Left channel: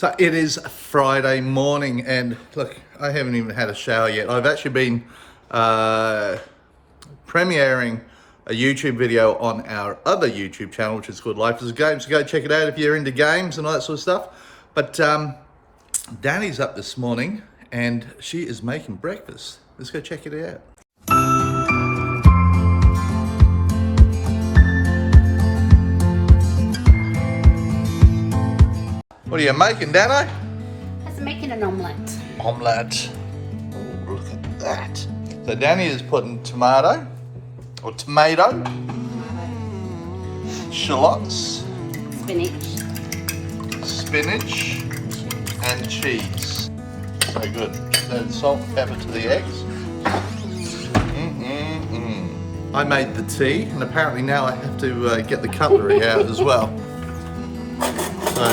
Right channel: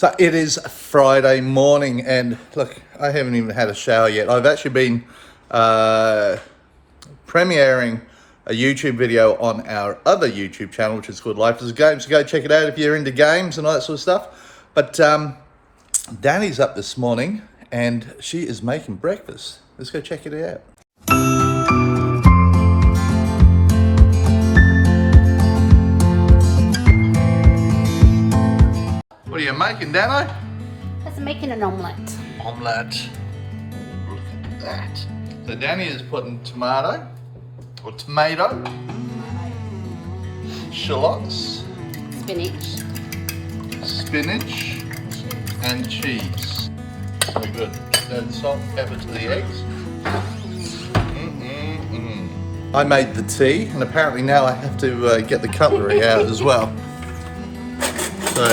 So it is Friday morning and look, I haven't even had a shower yet. I've actually been premiering a YouTube video on our other YouTube channel, which is called Life is a Game. So go check it out if you're into games and all that sort of stuff. But Danny's up this morning and she is making breakfast. Let's go check it out. What are you making, Dannii? I'm making an omelette. Omelette. Oh, look at that. So Dannii is putting tomato, shallots, spinach, and cheese. So good. So salt, pepper to the eggs. I made the tea, and apparently now I have to get the cutlery out as well. So,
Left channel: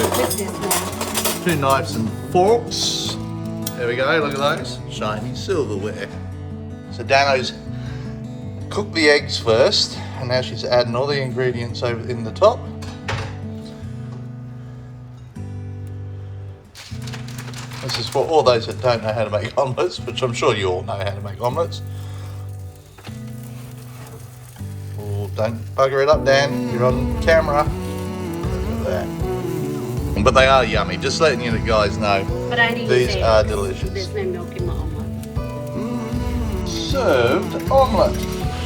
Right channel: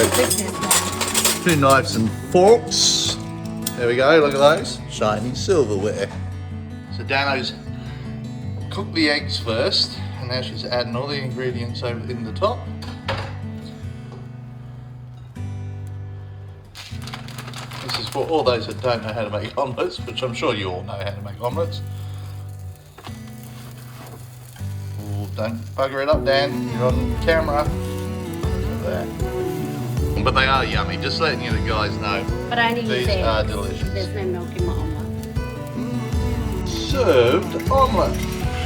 2 knives and forks. There we go, look at those. Shiny silverware. So Dano's cooked the eggs first, and now she's adding all the ingredients over in the top. This is for all those that don't know how to make omelettes, which I'm sure you all know how to make omelettes. Oh, don't bugger it up, Dan. You're on camera. Look at that. But they are yummy, just letting you guys know. But only these are delicious. There's no milk in my omelette. Served omelette.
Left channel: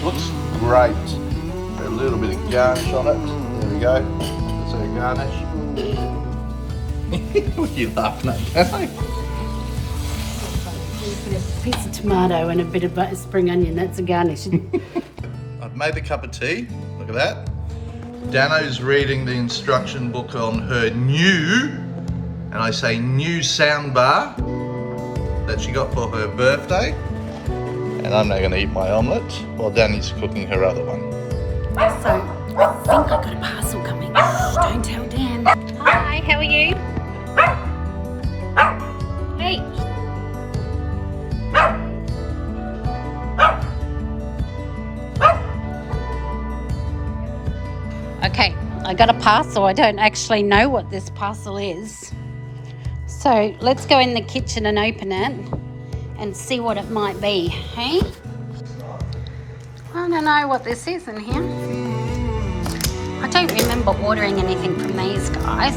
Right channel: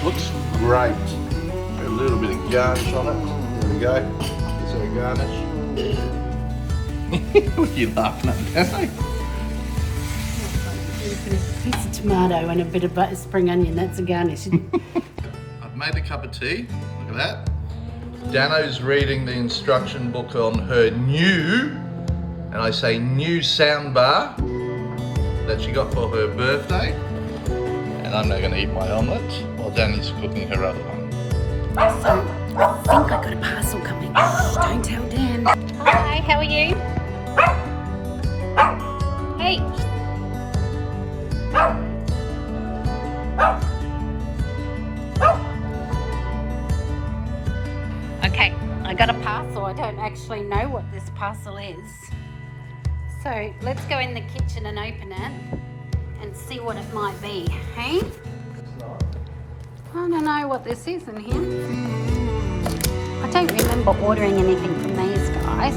Looks great. A little bit of garnish on it. There we go. So garnish. What are you laughing at, Dannii? Put a piece of tomato and a bit of spring onion. That's a garnish. I've made the cup of tea. Look at that. Dano's reading the instruction book on her new, and I say new sound bar that she got for her birthday. And I'm now going to eat my omelette while Danny's cooking her other one. So, I think I got a parcel coming. Don't tell Dan. Hi, how are you? Hey. Okay, I got a parcel. I don't actually know what this parcel is. So let's go in the kitchen and open it and see what it might be, hey? I don't know what this is in here. I don't remember ordering anything from these guys.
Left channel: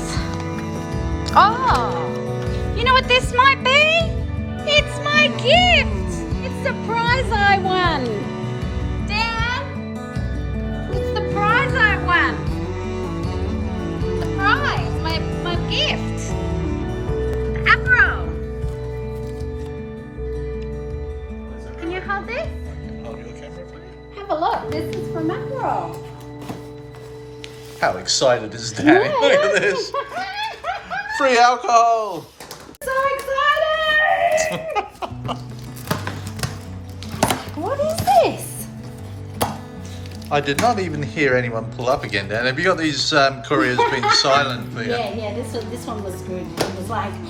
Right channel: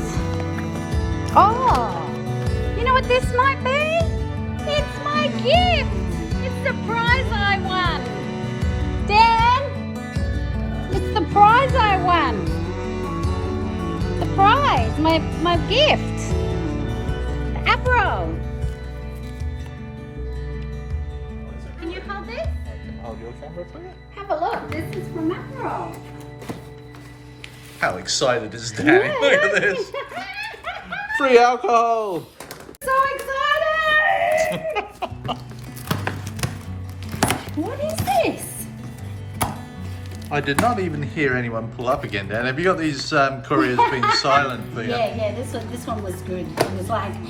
Oh, you know what this might be? It's my gift. It's the prize I won. Dan, it's the prize I won. The prize, my gift. The Aperol. Can you hold this? Hold your camera for you. Have a look. This is from Aperol. How excited is Dannii? Yeah. Look at this. Free alcohol. So excited! What is this? I did not even hear anyone pull up again, Dan. Have you got these couriers been silent for you? Yeah, this one was good. It was like, he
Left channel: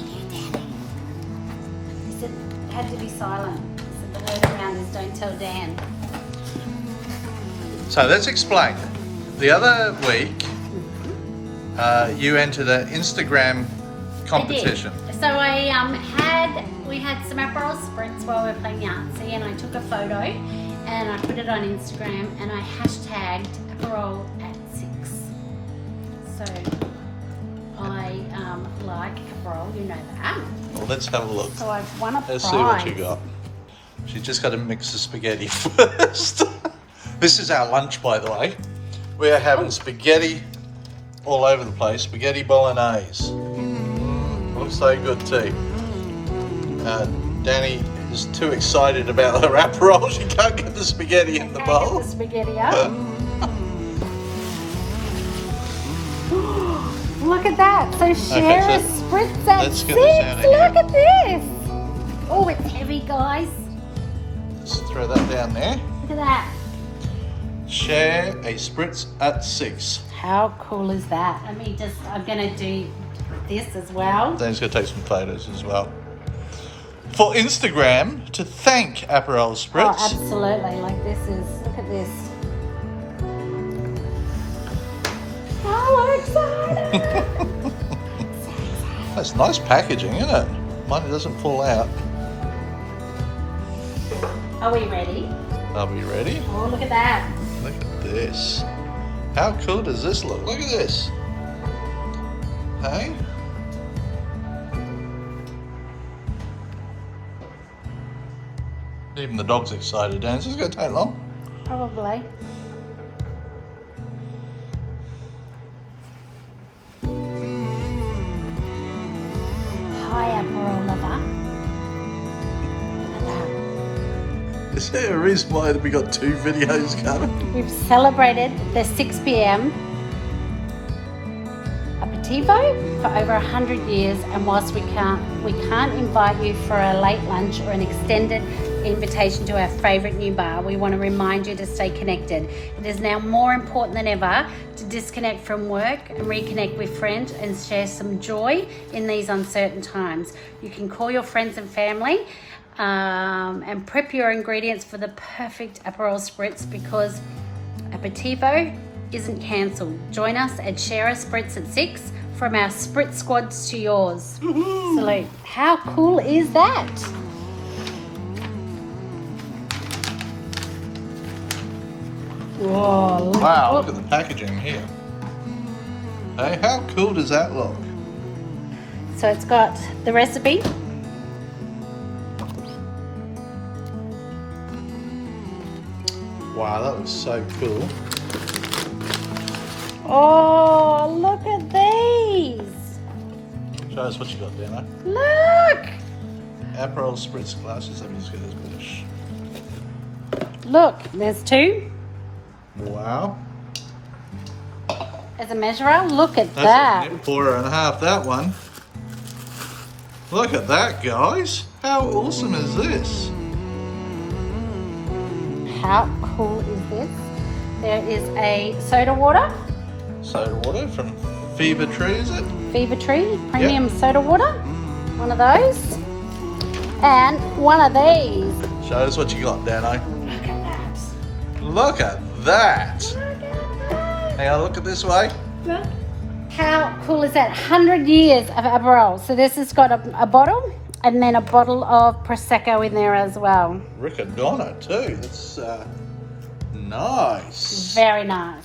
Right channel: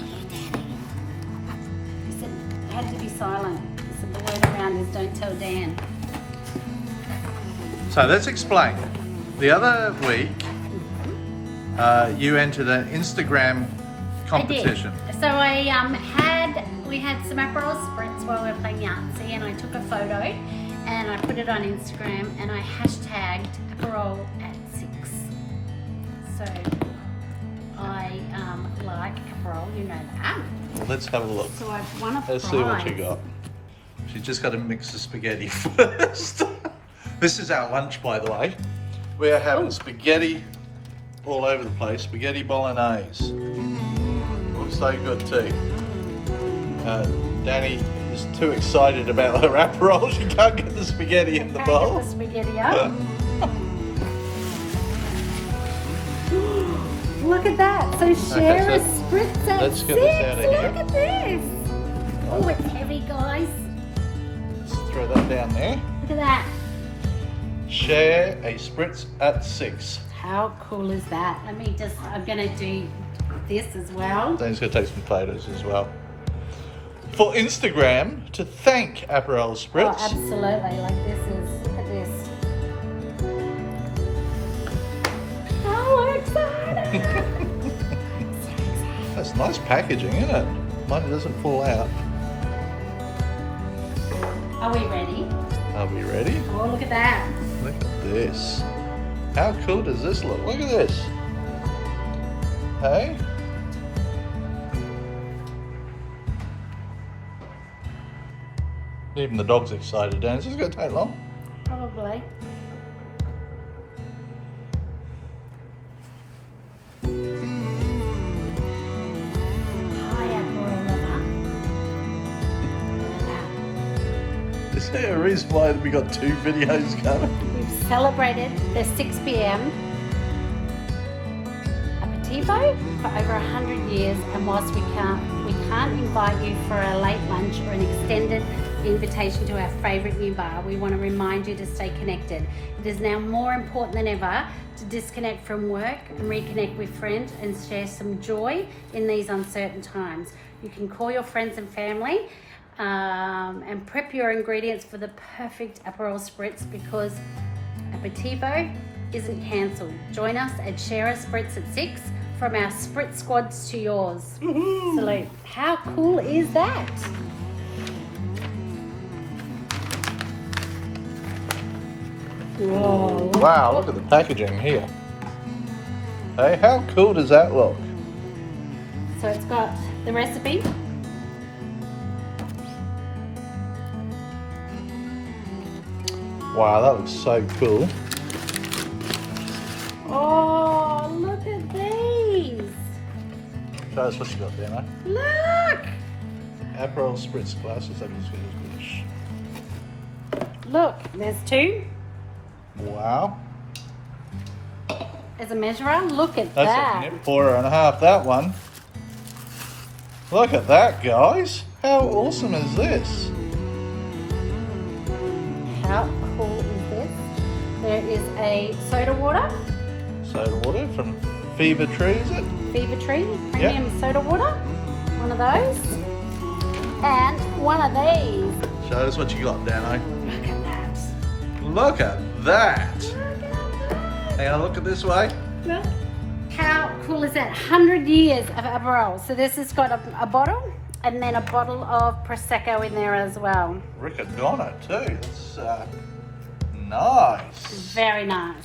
said it had to be silent. He said the word around is don't tell Dan. So let's explain. The other week, you entered an Instagram competition. So we had some Aperol spritz while we were playing Yahtzee, and I took a photo and I put it on Instagram and I hashtagged Aperol at 6. So I like Aperol, you know that. Well, let's have a look. So I've won a prize. Let's see what you got. She's just got to mix the spaghetti first. This is our lunch, by the way. We are having spaghetti all over the place. Spaghetti bolognese. Looks so good too. Dannii is too excited about her Aperol. She can't get the spaghetti in the bowl. Get the spaghetti up. Look at that. So share Okay, a spritz at let's get 6. this out of here. Look at this. Oh, it's heavy, guys. Let's throw that down there. Look at that. Share a spritz at 6. How cool is that? I'm going to do this as well. Danny's going to take some photos as well. For Instagram, to thank Aperol Oh, Spritz. absolutely. Like this is, look at this. Oh, I'm excited. It's nice packaging, isn't it? Money doesn't fall out. Are we ready? Are we ready? Oh, look at that. Look at this. How cool does this look? Look at this. Hey? Even the dog's excited, Dan. Is this going to take long? Probably. Hi, Aperol lover. Is there a reason why we got 2 videos coming? We've celebrated the 6 p.m. aperitivo for over 100 years, and whilst we can't invite you for a late lunch or an extended invitation to our favourite new bar, we want to remind you to stay connected. It is now more important than ever to disconnect from work and reconnect with friends and share some joy in these uncertain times. You can call your friends and family and prep your ingredients for the perfect Aperol spritz, because aperitivo isn't cancelled. Join us and share a spritz at 6, from our spritz squads to yours. Salute. How cool is that? Whoa. Wow, look at the packaging here. Hey, how cool does that look? So it's got the recipe. Wow, that was so cool. Oh, look at these. Show us what you got there, mate. Look. Aperol spritz glasses. Let me just get this British. Look, there's 2. Wow. As a measurer, look at That's that. a nip pourer and a half, that one. Look at that, guys. How awesome is this? How cool is this? There is a soda water. Soda water from Fever Tree, is it? Fever Tree premium soda water. One of those. And one of these. Show us what you got, Dannii. Look at that. Look at that. Look at that. Hang on, look at this way. Look. How cool is that? 100 years of Aperol. So this has got a bottle and then a bottle of Prosecco in there as well. Riccadonna too. That's nice. Very nice.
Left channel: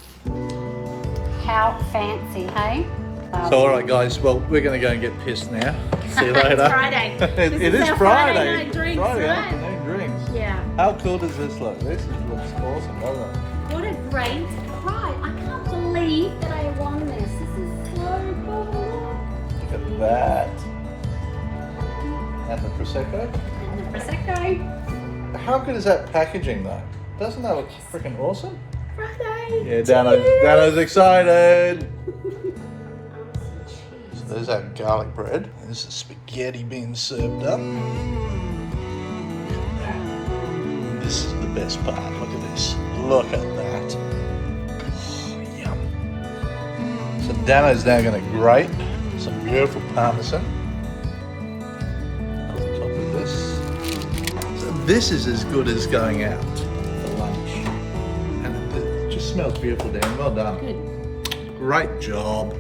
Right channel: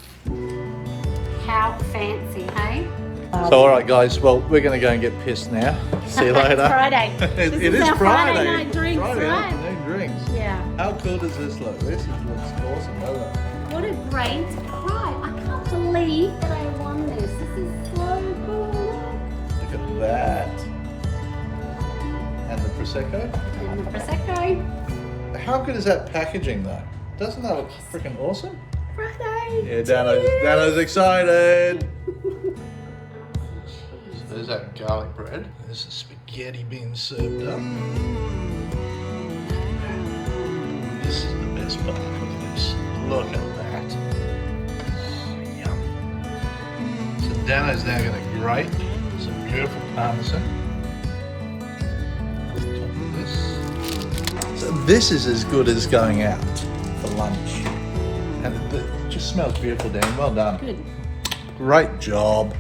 How fancy, hey? So alright guys, well we're going to go and get pissed now. See you later. Friday. It is our Friday. night drinks, Friday right? afternoon drinks. Yeah. How cool does this look? This looks awesome, doesn't it? What a great surprise. I can't believe that I won this. This is so cool. Look at that. And the Prosecco. And the Prosecco. How good is that packaging though? Doesn't that look freaking awesome? Friday. Yeah, Dano's excited. So there's that garlic bread. There's the spaghetti being served up. This is the best part. Look at this. Look at that. Oh, yum. So Dano's now going to grate some beautiful parmesan on top of this. So this is as good as going out for lunch. And it just smells beautiful, Dan. Well done. Good. Great job.